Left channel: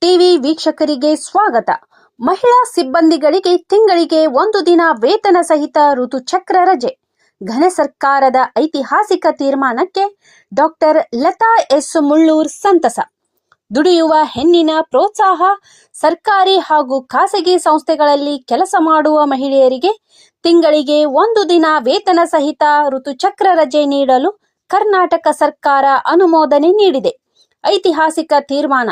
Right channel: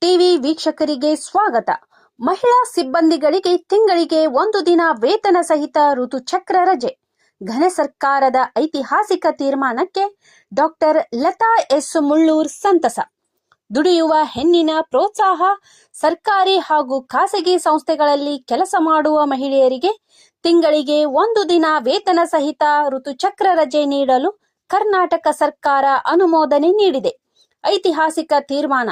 TV ವೀಕ್ಷಕರಿಗೆ ಸ್ವಾಗತ. ಮಹಿಳಾ ಸಿಬ್ಬಂದಿಗಳಿಗೆ ತಿಂಗಳಿಗೆ ಒಂದು ದಿನ ವೇತನ ಸಹಿತ ಋತುಚಕ್ರ ರಜೆ. ಘನ ಸರ್ಕಾರದ ಐತಿಹಾಸಿಕ ತೀರ್ಮಾನಕ್ಕೆ ಡಾಕ್ಟರ್ ಲತಾ ಎಸ್ ಮುಳ್ಳೂರ್ ಸಂತಸ. ದುಡಿಯುವ ಹೆಣ್ಣಿನ ಪ್ರೋತ್ಸಾಹ, ಸರ್ಕಾರಿ ಹಾಗೂ ಖಾಸಗಿ ಸಂಸ್ಥೆಗಳಲ್ಲಿ ಕೆಲಸ ಮಾಡುವ ಮಹಿಳೆಯರಿಗೆ ತಿಂಗಳಿಗೆ ಒಂದು ದಿನ ವೇತನ ಸಹಿತ ಋತುಚಕ್ರ ರಜೆ ನೀಡಲು ಕರ್ನಾಟಕ ಸರ್ಕಾರ ಅನುಮೋದನೆ ನೀಡಿದೆ. ಐತಿಹಾಸಿಕ ತೀರ್ಮಾನ.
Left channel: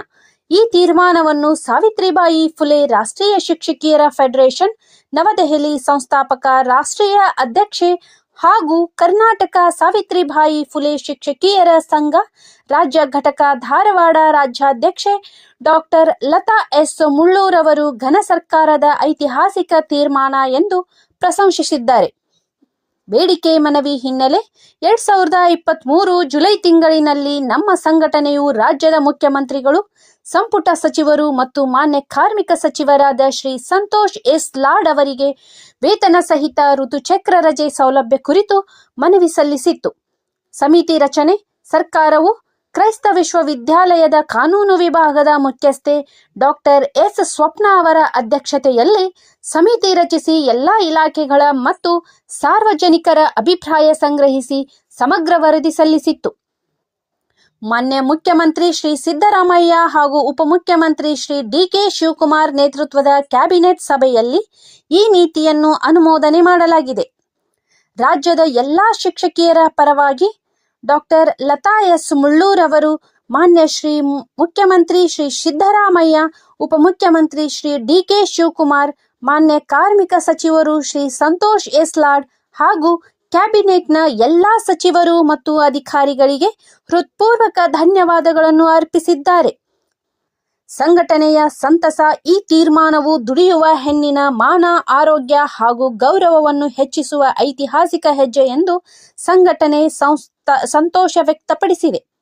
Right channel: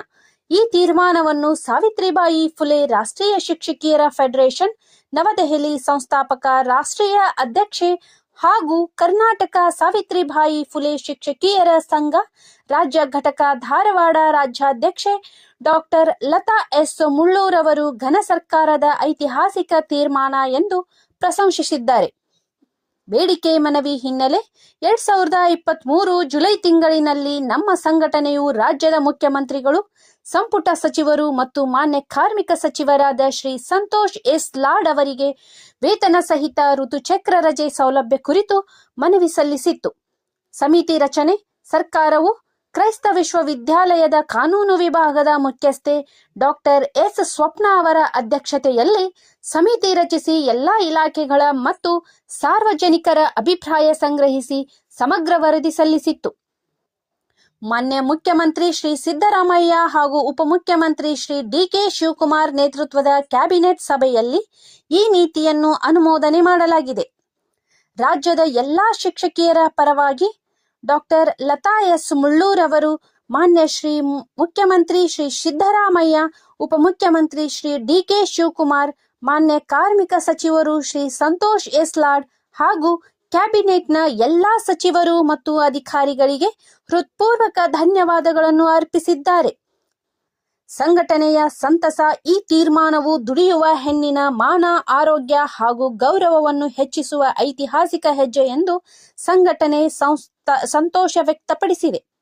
ಈ ತೀರ್ಮಾನವನ್ನು ಸಾವಿತ್ರಿಬಾಯಿ ಫುಲೆ ರಾಷ್ಟ್ರೀಯ ಶಿಕ್ಷಕಿಯರ ಫೆಡರೇಷನ್, ನವದೆಹಲಿ ಸಂಸ್ಥಾಪಕ ರಾಷ್ಟ್ರೀಯ ಅಧ್ಯಕ್ಷೆ ಹಾಗೂ ಕರ್ನಾಟಕ ಸಾವಿತ್ರಿಬಾಯಿ ಫುಲೆ ಶಿಕ್ಷಕಿಯರ ಸಂಘ, ರಾಜ್ಯ ಘಟಕ ಧಾರವಾಡ ರಾಜ್ಯಾಧ್ಯಕ್ಷೆ ಡಾಕ್ಟರ್ ಲತಾ ಎಸ್. ಮುಳ್ಳೂರವರು ಘನ ಸರ್ಕಾರದ ಐತಿಹಾಸಿಕ ತೀರ್ಮಾನ ಎಂದು ಪ್ರಶಂಸಿಸಿದ್ದಾರೆ. ಬೇಡಿಕೆ ಮನವಿ ಹಿನ್ನೆಲೆ ಎರಡ್ ಸಾವಿರದ ಇಪ್ಪತ್ತ್ ಮೂರು ಜುಲೈ ತಿಂಗಳಿನಲ್ಲಿ ನಮ್ಮ ಸಂಘಟನೆಯು ರಾಜ್ಯದ ಮುಖ್ಯಮಂತ್ರಿಗಳು ಸಂಪುಟ ಸಚಿವರು ಮತ್ತು ಮಾನ್ಯ ಕಾರ್ಮಿಕ ಸಚಿವರಾದ ಶ್ರೀ ಸಂತೋಷ್ ಎಸ್ ಲಾಡ್ ಅವರಿಗೆ ವೇತನ ಸಹಿತ ಋತುಚಕ್ರ ರಜೆ ಸೌಲಭ್ಯ ಕುರಿತು ಮನವಿ ಸಲ್ಲಿಸಿತ್ತು. ಸಮಿತಿ ರಚನೆ, ಸರ್ಕಾರವು ಕ್ರೈಸ್ತ ವಿಶ್ವವಿದ್ಯಾಲಯದ ಕಾನೂನು ವಿಭಾಗದ ಮುಖ್ಯಸ್ಥೆ ಡಾಕ್ಟರ್ ಎಸ್ ಸ್ವಪ್ನ ಅವರ ಅಧ್ಯಕ್ಷತೆಯಲ್ಲಿ ಸಮಿತಿ ರಚಿಸಿ ಎಲ್ಲಾ ಇಲಾಖೆಗಳ ಮತ್ತು ಸಾರ್ವಜನಿಕರ ಅಭಿಪ್ರಾಯ ಸಂಗ್ರಹಿಸಿ ಸಮಗ್ರ ವರದಿ ಸಲ್ಲಿಸಿತ್ತು. ಮಾನ್ಯ ಮುಖ್ಯಮಂತ್ರಿ ಶ್ರೀ ಸಿದ್ದರಾಮಯ್ಯ ಹಾಗೂ ಉಪಮುಖ್ಯಮಂತ್ರಿ ಶ್ರೀ ಡಿಕೆ ಶಿವಕುಮಾರ್ ನೇತೃತ್ವದ ಕ್ಯಾಬಿನೆಟ್ ಸಭೆಯಲ್ಲಿ ಈ ನೀತಿಯನ್ನು ಅನುಮೋದನೆ ಮಾಡಲಾಗಿದೆ. ರಾಜ್ಯದ ಎಲ್ಲಾ ಶಿಕ್ಷಕಿಯರ ಪರವಾಗಿ ಡಾಕ್ಟರ್ ಲತಾ ಎಸ್ ಮುಳ್ಳೂರ್ ಅವರು ಮಾನ್ಯ ಶ್ರೀ ಮುಖ್ಯಮಂತ್ರಿ ಶ್ರೀ ಸಿದ್ದರಾಮಯ್ಯ, ಉಪಮುಖ್ಯಮಂತ್ರಿ ಶ್ರೀ ಡಿಕೆ ಶಿವಕುಮಾರ್, ಮಾನ್ಯ ಕಾರ್ಮಿಕ ಸಚಿವರು ಶ್ರೀ ಸಂತೋಷ್ ಎಸ್ಲಾಡ್ ಹಾಗೂ ಕ್ಯಾಬಿನೆಟ್ನ ಎಲ್ಲಾ ಸಚಿವರು ಮತ್ತು ಅಧಿಕಾರಿಗಳಿಗೆ ಹೃತ್ಪೂರ್ವಕ ಧನ್ಯವಾದಗಳನ್ನು ಅರ್ಪಿಸಿದ್ದಾರೆ. ಸಂಘಟನೆಯ ಸಂತಸ, ಈ ತೀರ್ಮಾನವು ದುಡಿಯುವ ಹೆಣ್ಣಿನ ಮಾನ, ಆರೋಗ್ಯ ಹಾಗೂ ಗೌರವವನ್ನು ಹೆಚ್ಚಿಸುವ ಐತಿಹಾಸಿಕ ಹೆಜ್ಜೆ ಎಂದು ಸಂಘಟನೆ ಸಂಸ್ಥ, ಸಂತೋಷ ವ್ಯಕ್ತಪಡಿಸಿದೆ.